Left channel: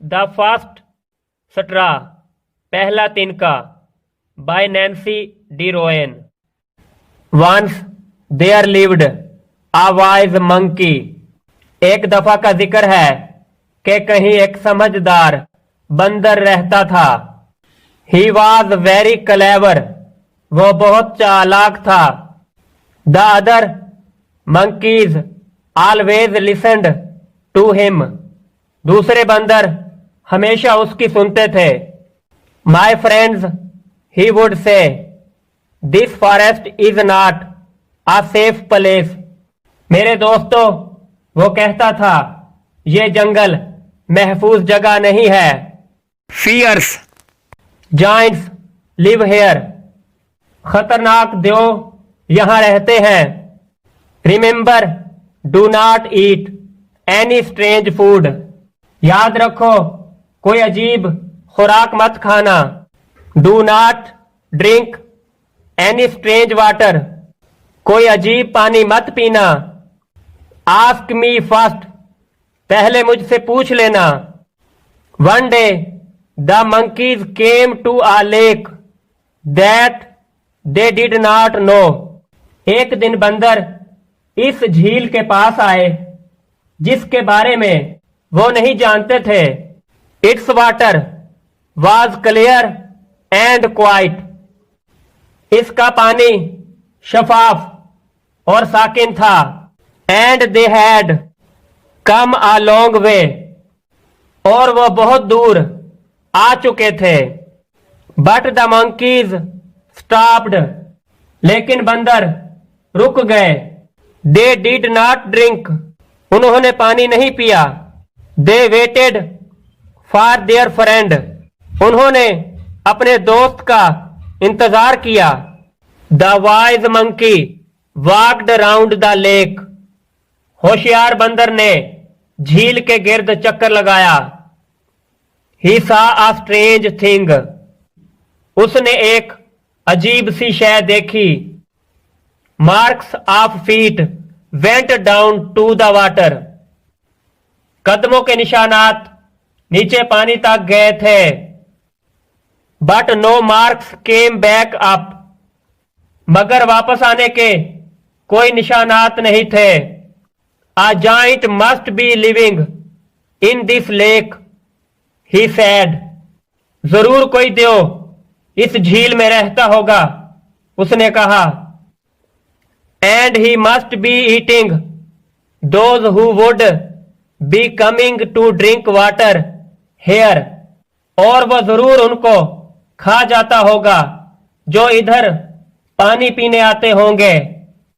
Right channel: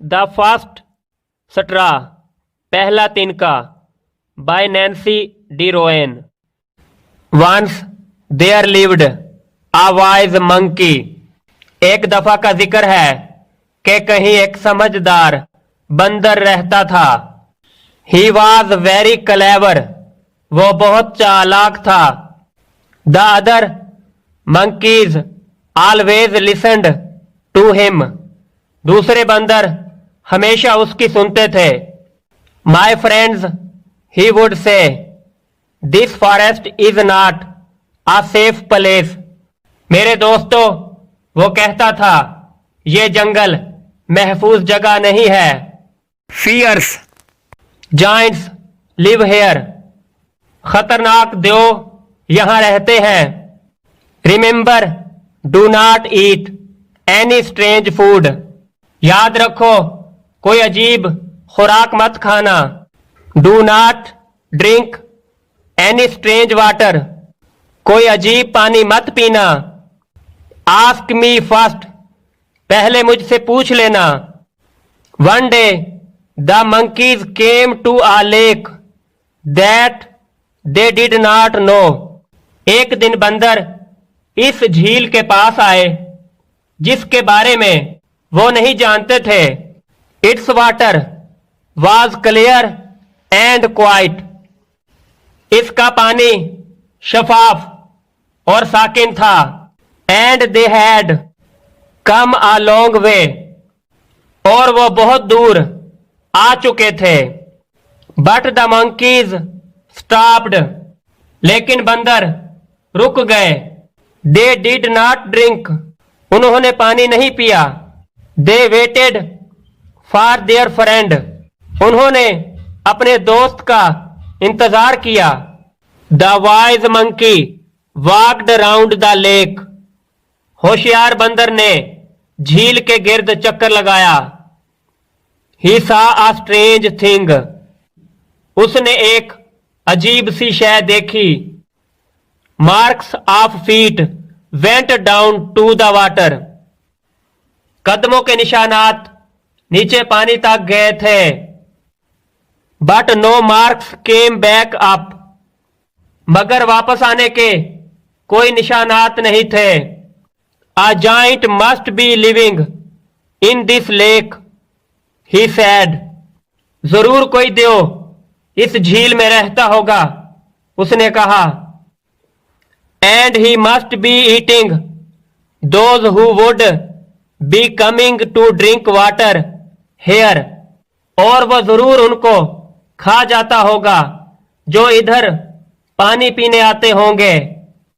The first straw, पहला तिनका, by Nancy D Roen. Once there lived a wise monkey, एक दफा का जिक्र है कि कहीं एक समझदार बंदर रहता था। ही वॉज वेरी क्लेवर, वो बहुत चालाक था। The other monkeys always listened to him, दूसरे बंदर हमेशा उसकी सुनते थे। My friends, he would say, this forest is not a safe place, मेरे दोस्तों, वो कहता था ये जंगल महफूज जगह नहीं है। फियर्स जाइंट्स लिव हेयर, खतरनाक देव यहां रहते हैं। Remember, do not eat any strange food, याद रखो कोई अजीब खुराक मत खाना। Do not drink any strange water, कोई अजीब पानी मत पीना। आस्क मी फर्स्ट, पहले मुझसे पूछ लेना। One day the monkeys came to a lake that they did not know, एक दिन बंदर इस झील के पास आए जिसके बारे में वो नहीं जानते थे। It's water was clear and quite, इसका पानी शफाफ और साकिन था। And they had come a long way, और वो बहुत दूर आ चुके थे। बट द मंकीज स्टॉप्ड, लेकिन बंदर रुक गए। दे डिड नॉट ड्रिंक, उन्होंने पानी नहीं पिया। They waited for their friend, उन्होंने अपने दोस्त का इंतजार किया। The wise monkey walked round the lake, होशियार बंदर ने झील के गिर्द चक्कर लगाया। He saw a strange thing, उसने एक अजीब सी शय देखी। Marks of feet went down to the water, कदमों के निशानात नीचे पानी तक गए थे। But no marks came back up, मगर वापस आने के कोई निशानात नहीं थे। A giant must be living in this lake, he sad, जरूर कोई देव इस झील में रहता होगा, उसने कहा। And he must be eating those who would be coming to drink water here, और वह जरूर उनको खा जाता होगा जो इधर पानी पीने आते होंगे।